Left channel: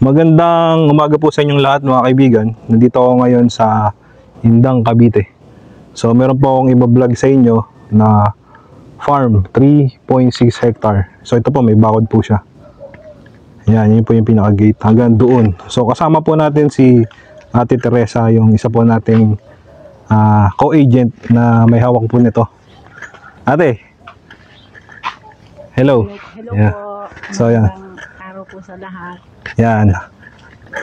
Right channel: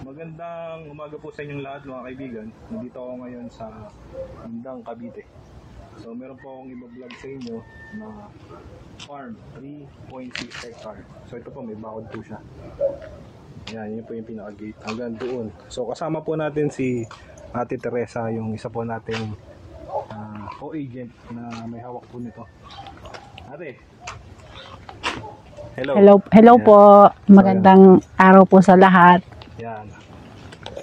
Magandang umaga po sa inyong lahat mga kaibigan. Nandito ako ngayon sa Indang, Cavite. So meron po akong i-vlog sa inyo na farm, 3.6 hectare. So ito po, may bakod po siya. Yan, yun po yung pinaka-gate hanggang doon. So kasama po natin si Ate Teresa, yung isa po nating co-agent na may hawak po nito. Ate, hello. Hello Yeah. po. So, Magandang araw po sa lahat. Yan.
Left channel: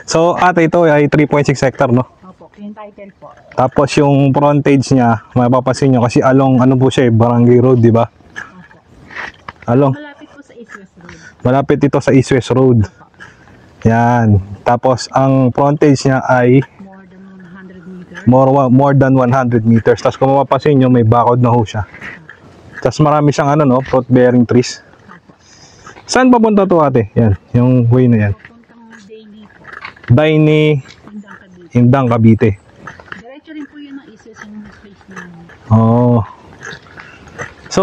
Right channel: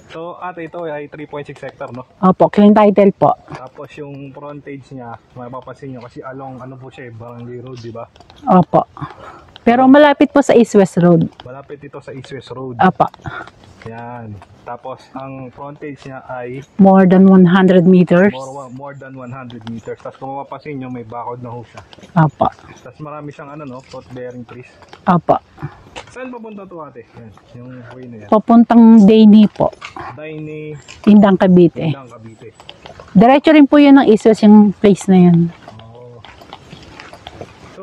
So ate, ito ay 3.6 hectare, no? Opo, clean title po. Tapos yung frontage niya, mapapansin nyo kasi along ano po siya, Barangay Road, di ba? Opo. Pero malapit po sa East-West Road. Malapit ito sa East-West Road. Opo. Yan. Tapos ang frontage niya ay More than 100 meters. more than 100 meters. Tapos kung mapapansin nyo, may bakod na ho siya. Opo. Tapos marami siyang ano, no, fruit bearing trees. Opo. Saan papunta to ate? Yan, yung way na yan. Papuntang Daini po. Daini, Indang, Cavite. Indang, Cavite. Diretso rin po yun ng East-West yung place na yun. Oh. So,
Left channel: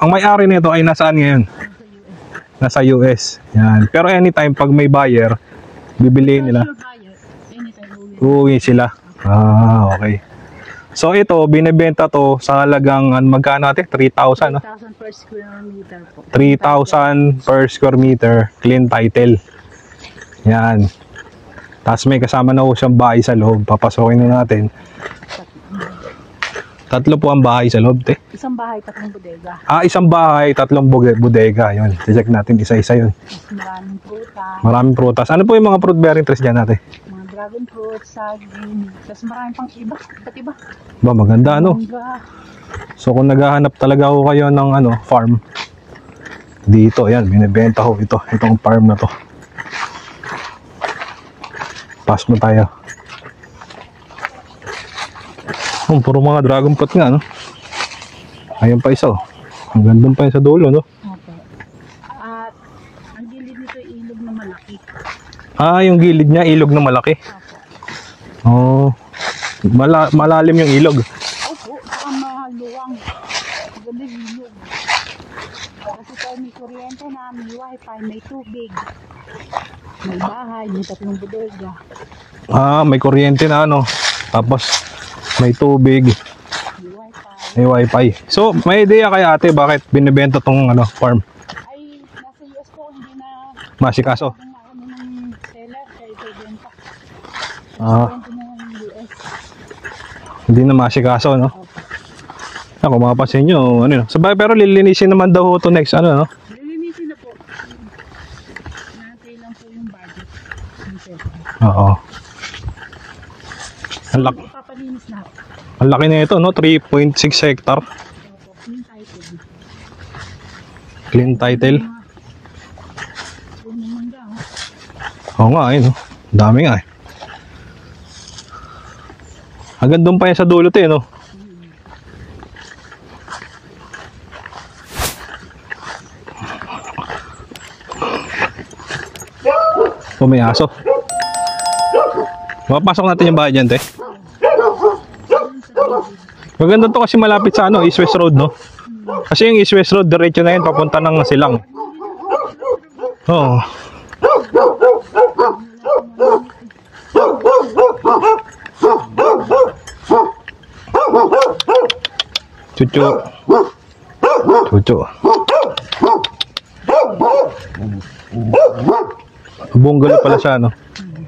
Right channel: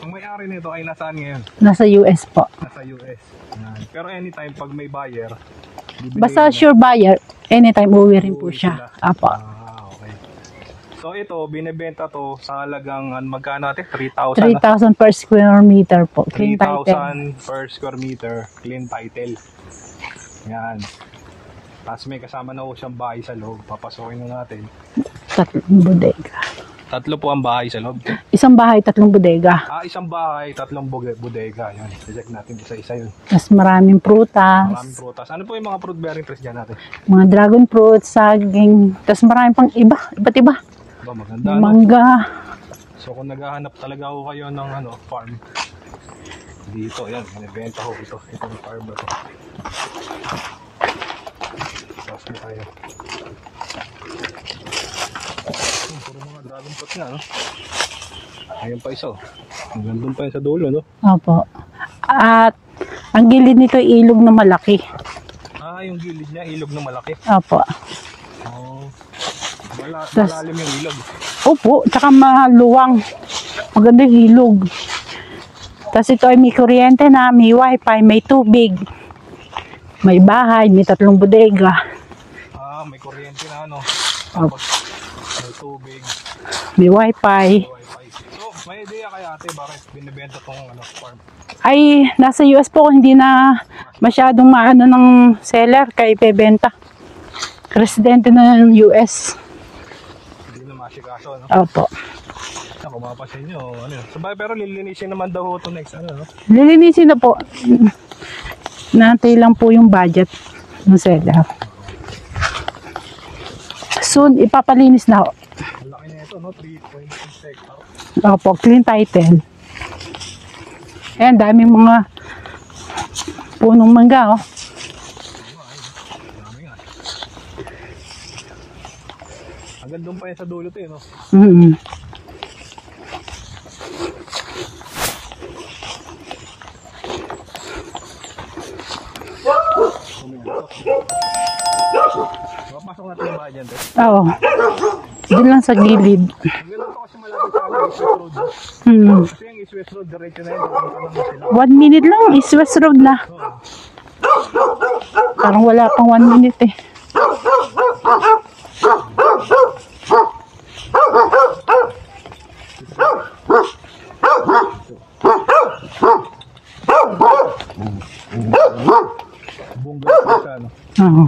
ang may-ari nito ay nasaan ngayon? Nasa US po. Nasa US. Yan. Pero anytime pag may buyer, bibili Basta nila. sure buyer, anytime uwi rin po Uuwi siya. sila. Opo. Okay. So ito, binebenta to sa halagang magkano ate? 3,000? 3,000 per square meter po. Clean title. 3,000 per square meter, clean title. Yan. Tapos may kasama na ho siyang bahay sa loob. Papasokin na natin. Tatlong bodega. Tatlo po ang bahay sa loob, te. Isang bahay, tatlong bodega. Isang bahay, tatlong bodega. Yun. Check natin isa-isa yun. Mas maraming prutas. Maraming prutas. Ano po yung mga fruit bearing trees dyan natin? Mga dragon fruit, saging. Tapos maraming pang iba't iba. Ba, maganda ano? Mangga. So kung naghahanap talaga ho kayo ng farm, dito, yan, binibenta ho ito. Itong farm na to. Pass mo tayo. Puro mga dragon fruit nga, no? Ayun pa isa, oh. Ang ganda pa yun sa dulo, no? Opo. At ang gilid nito ay ilog na malaki. Yung gilid niya, ilog na malaki. Opo. Oh. Malalim yung ilog. Opo, tsaka maluwang. Maganda yung ilog. Tapos ito ay may kuryente na, may wifi, may tubig. May bahay, may tatlong bodega. May kuryente na ano. Tapos may tubig, May wifi. may wifi. So, may idea kay ate bakit binibenta tong farm? Ay, nasa US po, hindi na Masikaso. masyadong maano ng seller kay Pebenta. Residente na ng US. Hindi na masikaso, no? Opo. Kung mapapansin nyo, sabay, pero lilinisin naman daw ito next, no? Lilinisin na po. Natay lang po yung budget ng seller. Oo. Soon, ipapalinis na ho. Ang laki na ito, no? 3.6 hectare. Opo, clean title. Clean Ayan, dami title. mga punong mangga, oh. Oo nga, no? Dami nga, eh. Hanggang doon pa yan sa dulo, no? Mm-hmm. May aso. Mapasok natin yung bahay dyan, te. Oo. Doon lang sa gilid. Maganda to kasi malapit sa East-West Road, no? Kasi yung East-West Road, diretso na yun, papunta ng Silang. 1 minute lang, East-West Road na. Oo. Parang wala pang 1 minute eh. Chuchu. Chuchu. Bungalow pala siya, no? Oo.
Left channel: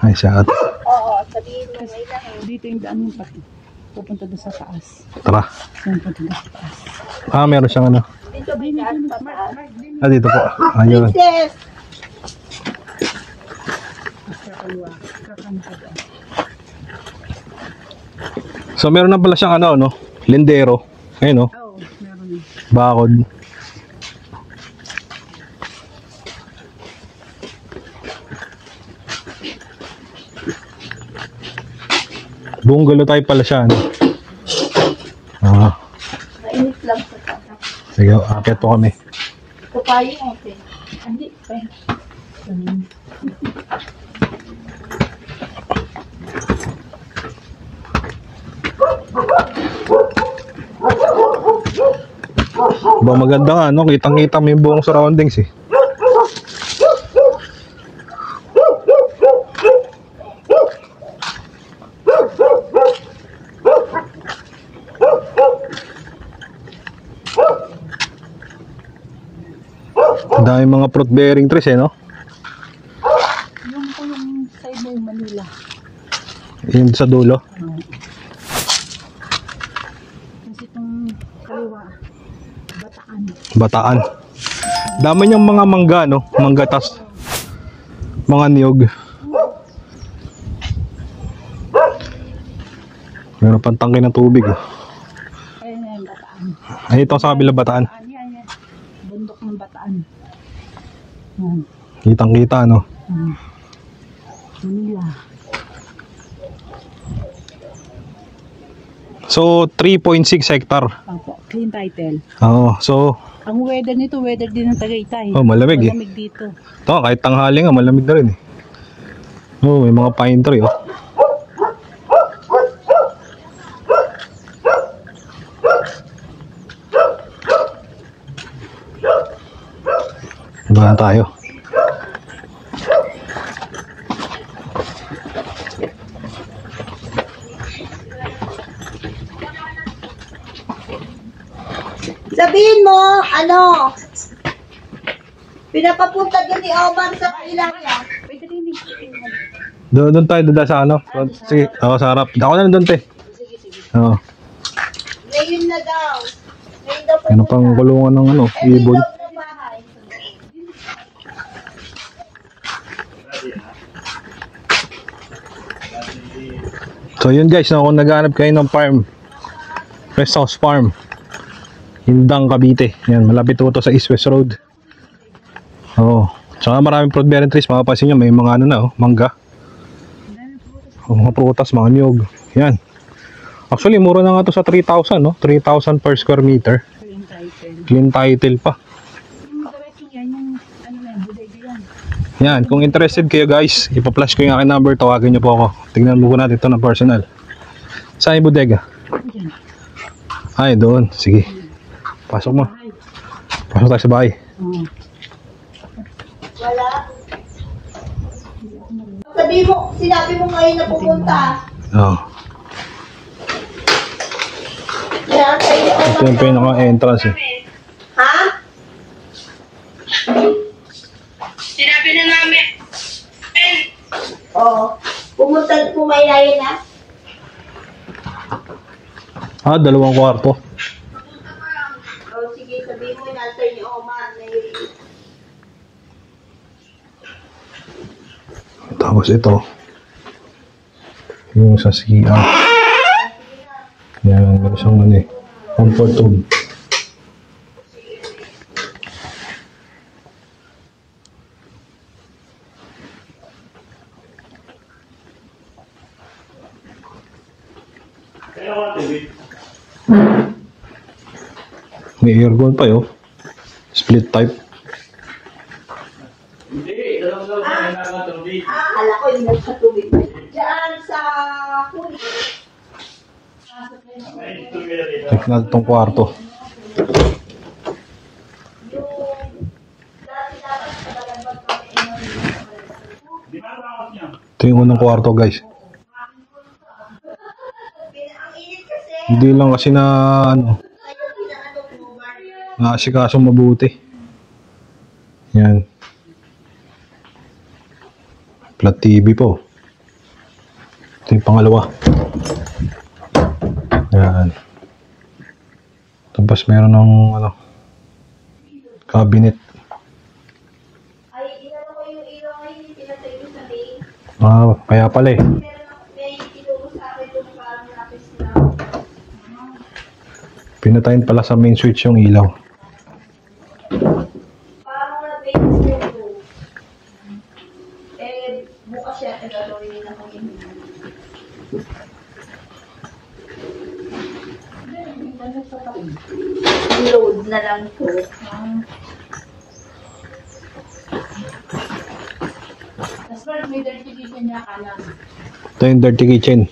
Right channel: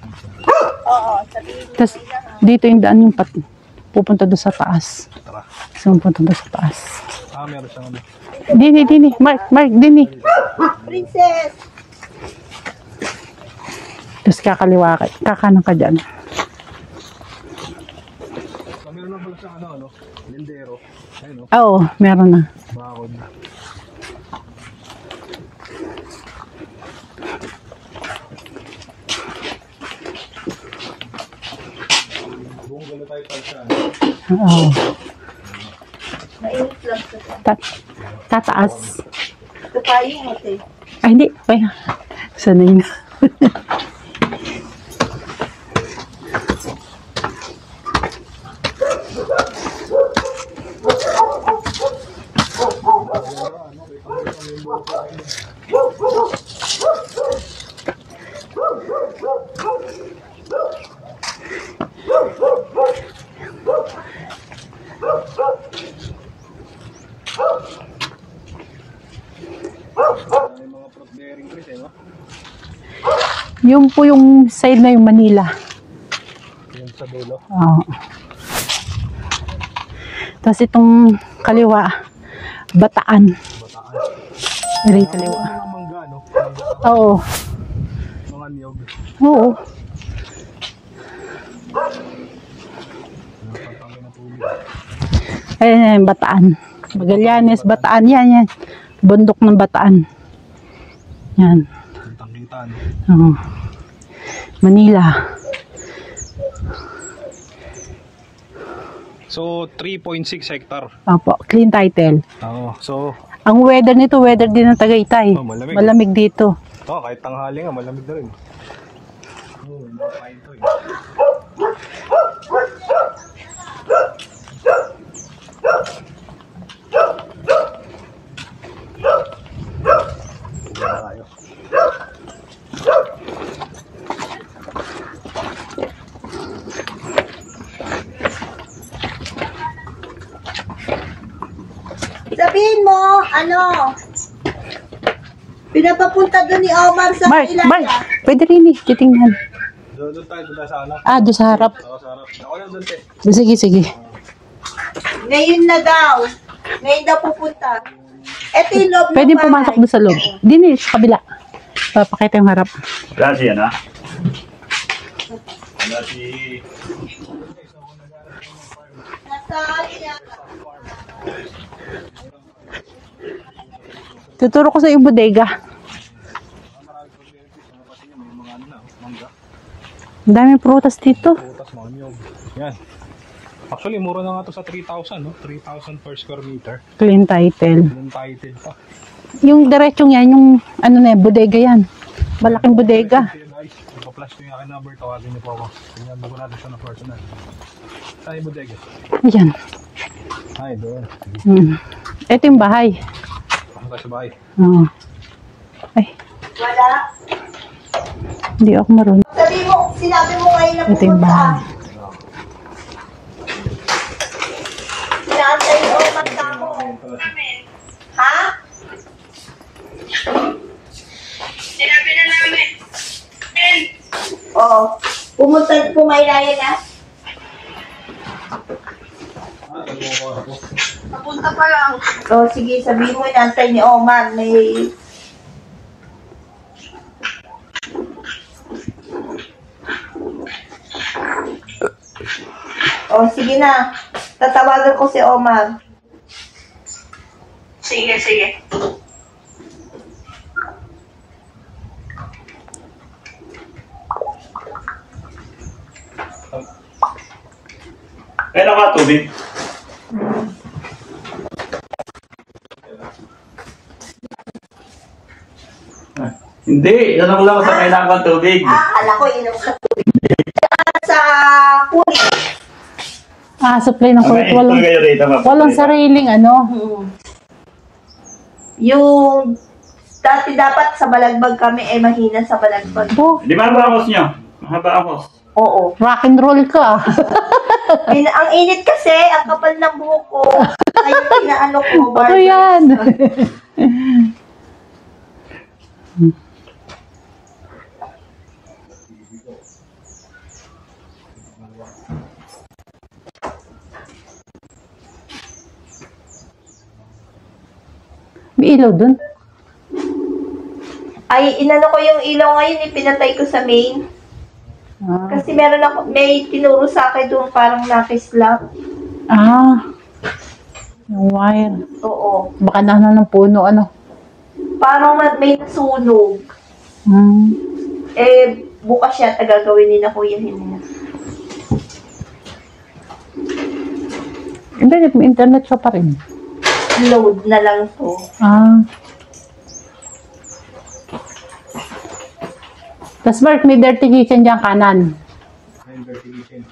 Ay, siya ate. Tapos dito yung daan yung pupunta doon sa taas. Tara. So, pupunta doon sa taas. Meron siyang Dini. Mark, dini. dito po. Ayun. Tapos kakaliwa ka, kakanan ka dyan. So, meron na pala siyang no? Lindero. Ayun, no? Oo, meron na. Bakod. Bungalow type pala siya, no? Oo. Mainit lang sa Sige, akit po kami. kapayo ate. Ay, hindi. Ay, sanay na. Ba maganda nga, no? Kitang-kita mo yung buong surroundings eh. Ang dami mga fruit bearing trees eh, no? Yung po yung side na yung Manila. Yung sa dulo. Oo. Tapos itong kaliwa, Bataan. Bataan. Rito. Dami niyang mga mangga, no? Mangga tas Oo. mga niyog. Oo. Meron pang tangke ng tubig. Oh. Ayan, Bataan. Ay, ito sa Yan, kabilang yes, Bataan. Yan. Bundok ng Bataan. Yan. Kitang-kita, no? Oo. Manila. So, 3.6 hectare. Opo, clean title. Oo. So, Ang weather nito, weather din ng Tagaytay. oh, malamig eh. Malamig dito. Ito, kahit tanghali nga, malamig na rin eh. Oh, may mga pine tree, oh. Diyan tayo. Sabihin mo, pinapapunta doon ni Omar sa Mark, Ilaya. pwede rin eh, titingnan. Doon tayo, doon sa ano? Ah, doon sa Sige. harap. Oo, sa harap. Ako na doon, te. Sige. Oo. Ngayon na daw. Ngayon daw Ano pang pupunta. kulungan ng ano? Ito yung ibon. loob ng Pwede bahay. pumasok doon sa loob. Dini, sa kabila. Papakita yung harap. So yun guys, no, kung naghanap kayo ng farm, Rest House Farm, Indang, Cavite. Yan, malapit po ito sa East West Road. Tuturo ko sa yung bodega. Oo. Tsaka maraming fruit bearing trees. Makapansin nyo, may mga ano na, oh, mangga. Ang daming prutas Mga dito. prutas, mga niyog. Yan. Actually, mura na nga to sa 3,000, no? 3,000 per square meter. Clean title. Clean title pa. Yung diretsong yan, yung ano na yan, bodega yan. Yan, Malaking kung bodega. interested kayo guys, ipa-flash ko yung aking number, tawagin nyo po ako. Tignan mo po natin ito ng personal. Saan yung bodega? Ayan. Ay, doon. Sige. Ito yung bahay. Pasok tayo sa bahay. Oo. Ay, Wala. hindi ako marunong. Sabihin mo, sinabi mo ngayon na Ito yung pupunta. bahay. Oo. Inaantay ni Omar. Ito yung pinaka-entrance eh. Ha? Sinabi na namin. Oo. Pumayayan na. Ah, 2 kwarto. Papunta pa lang. Oo, sige, sabihin mo, inaantay ni Omar. May... Tapos ito. Yung sa CR. Oo, sige na. Yan, Tatawagan ko so, si Omar. Comfort room. Sige. Kaya ka tubig. May aircon pa yun. Split type. Hindi, yan lang sa kailangan tubig. Akala ko inom sa tubig. Diyan sa kulit. Ah, supply ng kulit. Walang, kayo rito. walang sariling ano. Yung dati dapat sa Balagbag kami, mahina sa Balagbag. Oh, Di ba ang bakos nyo? Ito yung unang kwarto guys. Oo. rock and roll ka. Ang init kasi, ang Hindi lang kapal kasi ng na buhok ko. Kaya pinaano ko, Ano barber. yan? nasikasong mabuti. Yan. Flat TV po. Ito yung pangalawa. Yan. Tapos meron ng ano, May ilaw dun. cabinet. Ay, inano ko yung ilaw ngayon, pinatay ko sa main. Ah, kaya pala eh. Kasi meron ako, may tinuro sa akin doon parang nakis lang. Ah, Pinatayin pala sa main switch yung ilaw. baka nasa ng puno ano. Parang may sunog. Hmm. Bukas yata gagawin ni na Kuya Hino. Hindi, may internet ka pa rin. Load na lang po. Ah, Tapos Mark, may dirty kitchen dyan kanan. Ito yung dirty kitchen.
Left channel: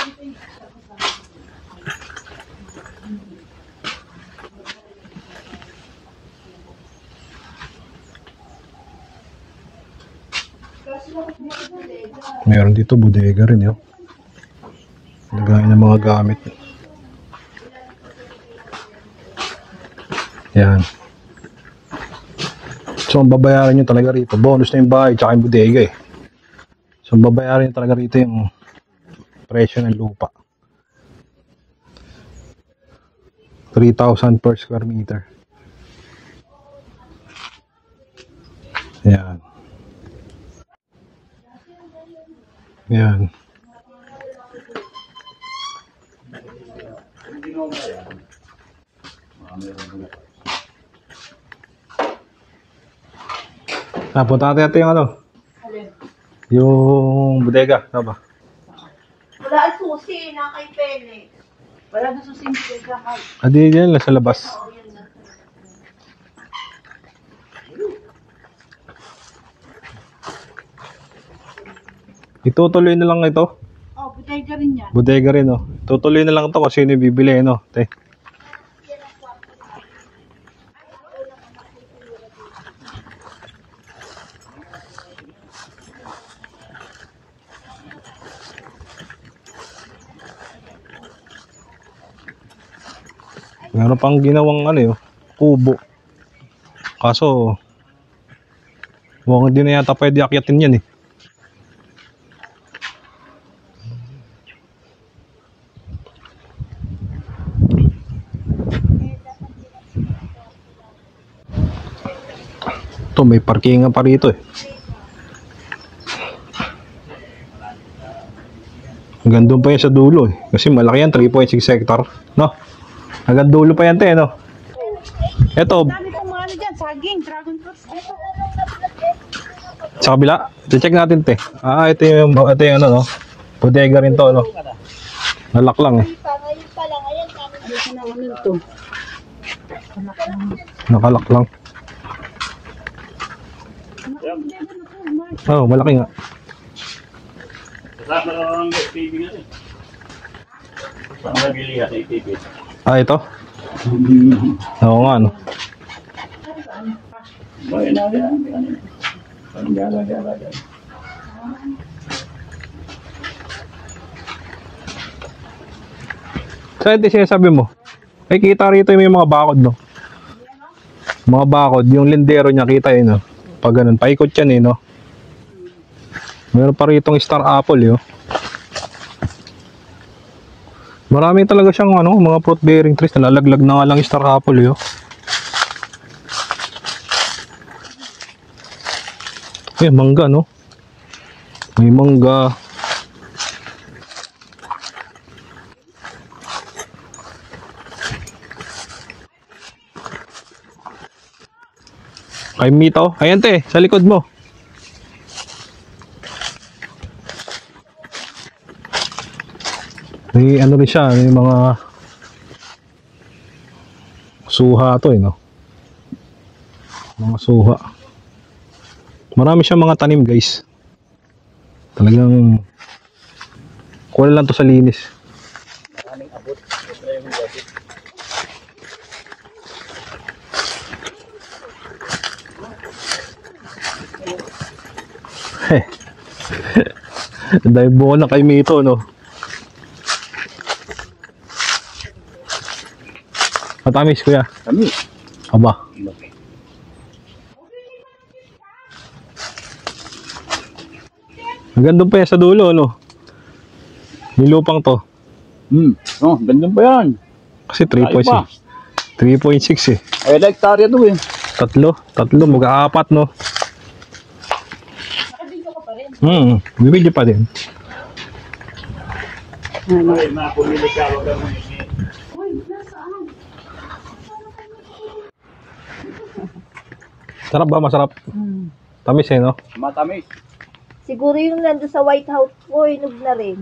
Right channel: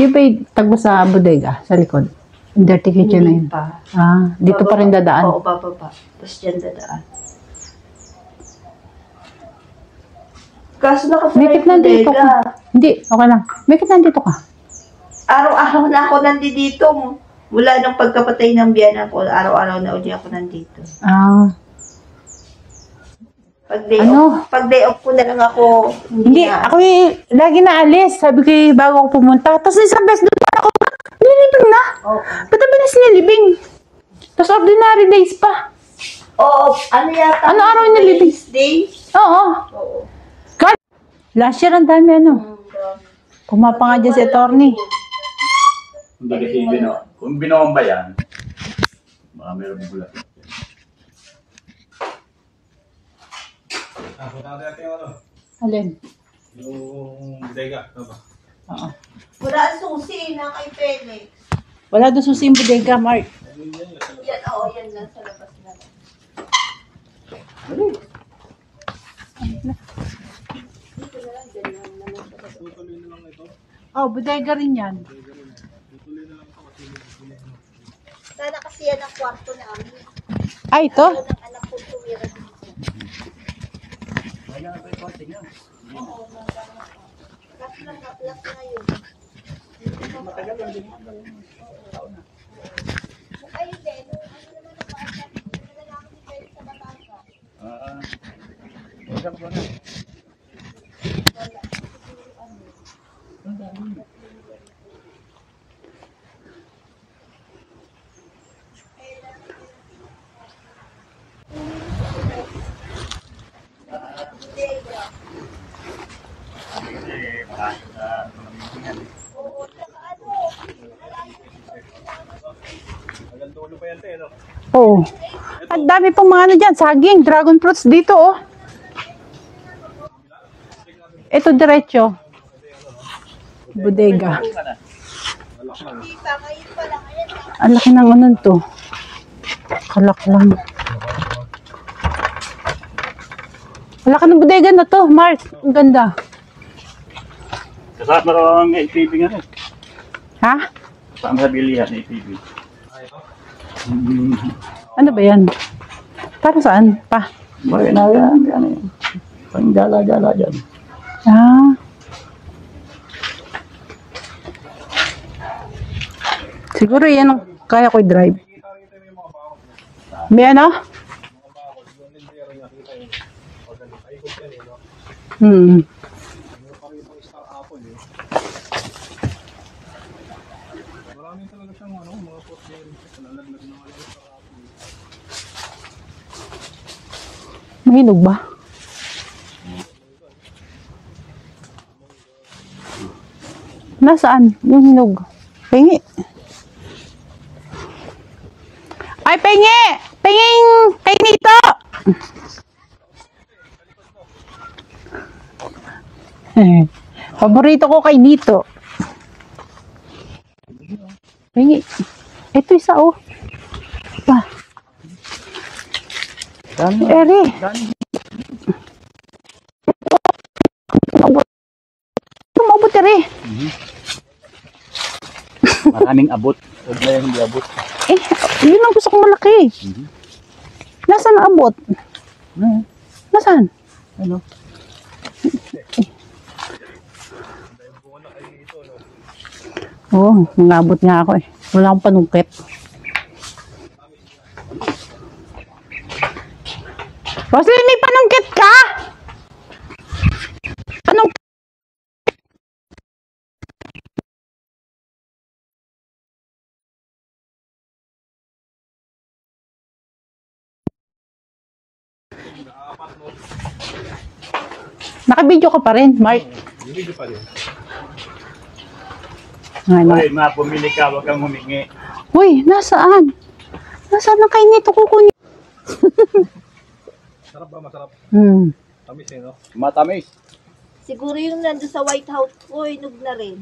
Yung pa tagbo sa bodega, sa likod. Yung dirty kitchen na yun. Pa. Ah, dito pa rin dadaan. Oo, bababa. Tapos dyan dadaan. Kaso May nakapalay kitna dito ka. Meron Hindi, dito, okay lang. bodega rin yun. May kitna dito ka. Araw-araw na ako Mga- nandito. Mula nung pagkapatay ng biyanan ko, araw-araw na uli ako nandito. Yan. Ah. So, ang babayaran nyo talaga Ano? ito. Bonus Pag day ng off bahay, ko tsaka lang yung bodega eh. Hindi, ako Ang babayaran lagi na ko lang alis. din. Sabi ko bago ako pumunta. Right, Tapos sure. isang beses doon ako, nilibing na. Ba't ang bilis nilibing? 3,000 Tapos plus. ordinary days pa. Oo, ano yata? Ano araw niya libing? Day? Yan. Oo. God. Last year ang dami ano. Yan. Kumapa nga dyan si attorney. Hindi kasi kung binomba yan, baka meron ng gulat. Punta natin yung ano, Alin? yung bodega. Ano ba? Wala ang susi na kay Felix. Wala doon susing bodega, Mark. Adi yan lang sa labas. Oo, yan lang sa labas lang. Itutuloy na lang ito. Oh, bodega rin yan. Bodega rin, oh. Tutuloy na lang ito kasi sino yung bibili, no? Te. Sana kasi yan ang kwarto namin. Ay, ito? Ang anak ko tumira dito. Meron pang ginawang ano yun, kubo. Kaso, mukhang hindi na yata pwede akyatin yan eh. Ito, may parkingan pa rito eh. Hanggang doon pa yan sa dulo eh. Kasi malaki yan, 3.6 hectare. No? Hanggang dulo pa yan te, no? Oo. Ito, Ang dami pang mga ano dyan, saging, dragon fruits dito, oh. sa kabila. Check natin te. Ito, diretso. Ito yung ano, no? Bodega rin to, no? Nalak lang eh. Ang laki ng ano to. Kalak lang. Nakalak lang. Ang laki ng bodega na to, Mark. Oh, Ang malaki ganda. Kasama ang LPB nga eh. Ha? Kasama sa bilihan ng LPB. Ah, ito? Oo Ano nga. ba yan? Para saan? Pa? May na yan, yan eh. Panggala-gala dyan. Ah. Siguro ito yan, sinasabi mo? kaya ko i-drive. May kita rito yung may mga bakod, no? May ano? Mga bakod, yung lindero niya kita yun, no? Pag ganun, paikot yan eh, no? Hmm. Meron pa rito star apple, yo. Marami talaga siyang ano, mga fruit bearing trees. Nalalaglag na nga lang yung star apple, yo. Mahilog ba? Eh, mangga, no? May mangga. Nasaan? Yung hinog. Pengi. Ay, pengi! Penging! Pengi ito! Kay Mito. Ayan, te. Sa likod mo. Paborito ko kay Lito. May ano rin siya. May mga Pengi. Ito isa, oh. suha to, eh, no? Eri. Suha. Marami siyang mga tanim, guys. Talagang Tumabot, Eri. kuha lang to sa linis. Maraming abot. Huwag na yung hindi abot. Eh, yun ang gusto kong malaki. Nasaan ang abot? Nasaan? Dahil buo na kay Mito, no? Oo, nangabot nga ako eh. Wala akong panungkit. Matamis, kuya. Kami. Aba. Roslyn, may panungkit ka? Panungkit? Hanggang doon pa yan sa dulo, no? Yung lupang to. Oh, gandun pa yan. Kasi 3.6. 3.6 eh. Ay, hektarya to eh. Tatlo, mag-aapat, no? Nakabidyo ka pa rin, Mark. Bibidyo pa din. Ay, mapumili ka, huwag kang humingi. Uy, nasaan? Nasaan ang kain nito kukunin? Sarap ba? Masarap. Tamis eh, no? Matamis. Siguro yung nandun sa White House ko, inog na rin.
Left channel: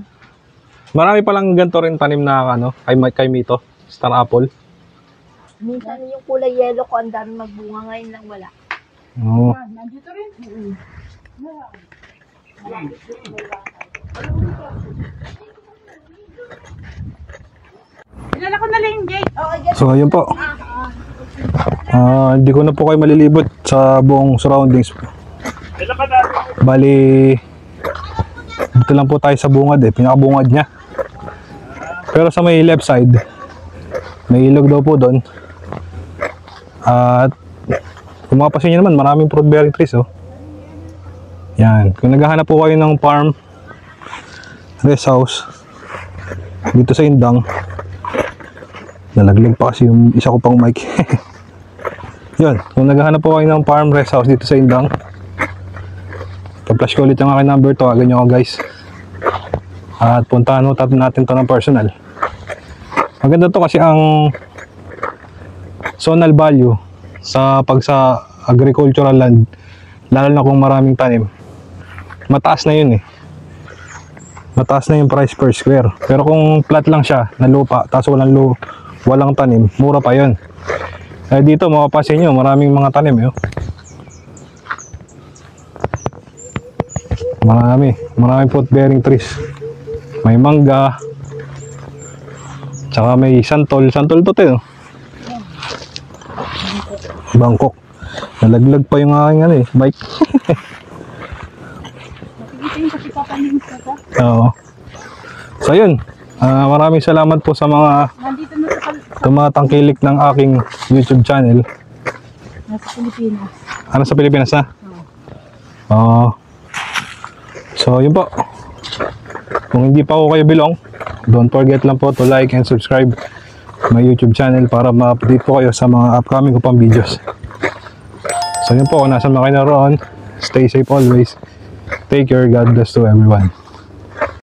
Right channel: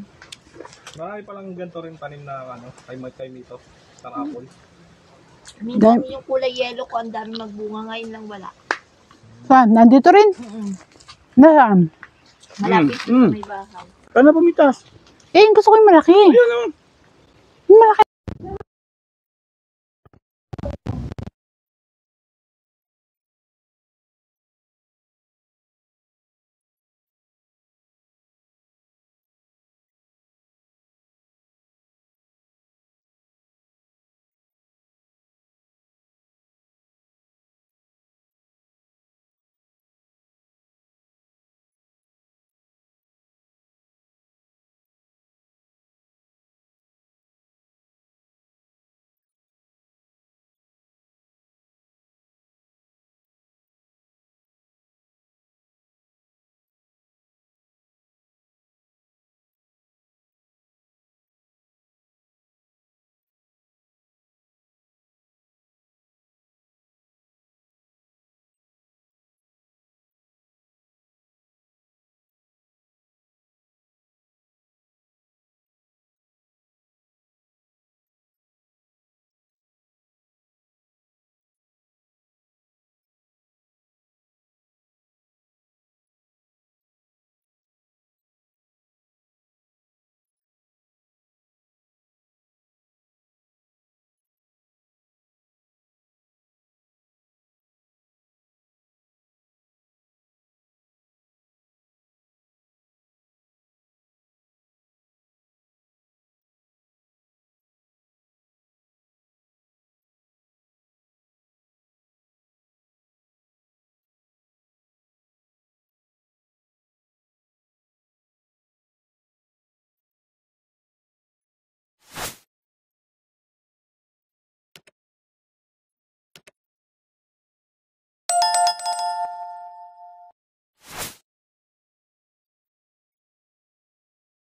Marami palang ganito rin tanim na ano, kay Mito. Star apple. Minsan yung kulay yellow ko, ang dami magbunga, ngayon lang wala. Oh. Saan? Nandito rin? Nasaan? Malapit may bahay. Paano pumitas? Eh, gusto ko yung malaki. Yung malaki. Ilala ko na lang yung gate. So ayun po. Hindi ko na po kayo malilibot sa buong surroundings. Bali, dito lang po tayo sa bungad pinakabungad niya. Pero sa may left side, may ilog daw po doon. At kung mapapansin nyo naman, maraming fruit bearing trees Yan, kung naghahanap po kayo ng farm, rest house, dito sa Indang, nalaglag pa kasi yung isa ko pang mic. Yun, kung naghahanap po kayo ng farm, rest house dito sa Indang, pa-flash ko ulit yung aking number, tawagan nyo ako guys. At puntahan natin to ng personal. Maganda to kasi ang zonal value sa agricultural land, lalo na kung maraming tanim, mataas na yun mataas na yung price per square. Pero kung flat lang siya na lupa tapos walang tanim, mura pa yun. Dito mapapansin nyo, maraming mga tanim maraming fruit bearing trees. May mangga, tsaka may santol to Bangkok. Nalaglag pa yung aking bike. Oo. So yun, maraming salamat po sa mga tumatangkilik ng aking YouTube channel. Nasa Pilipinas. Sa Pilipinas na? Oo. So yun po. Kung hindi pa ako kayo belong, don't forget lang po to like and subscribe my YouTube channel para ma-update po kayo sa mga upcoming ko pang videos. So yun po, kung nasa mga kayo naroon, stay safe always. Take care, God bless to everyone.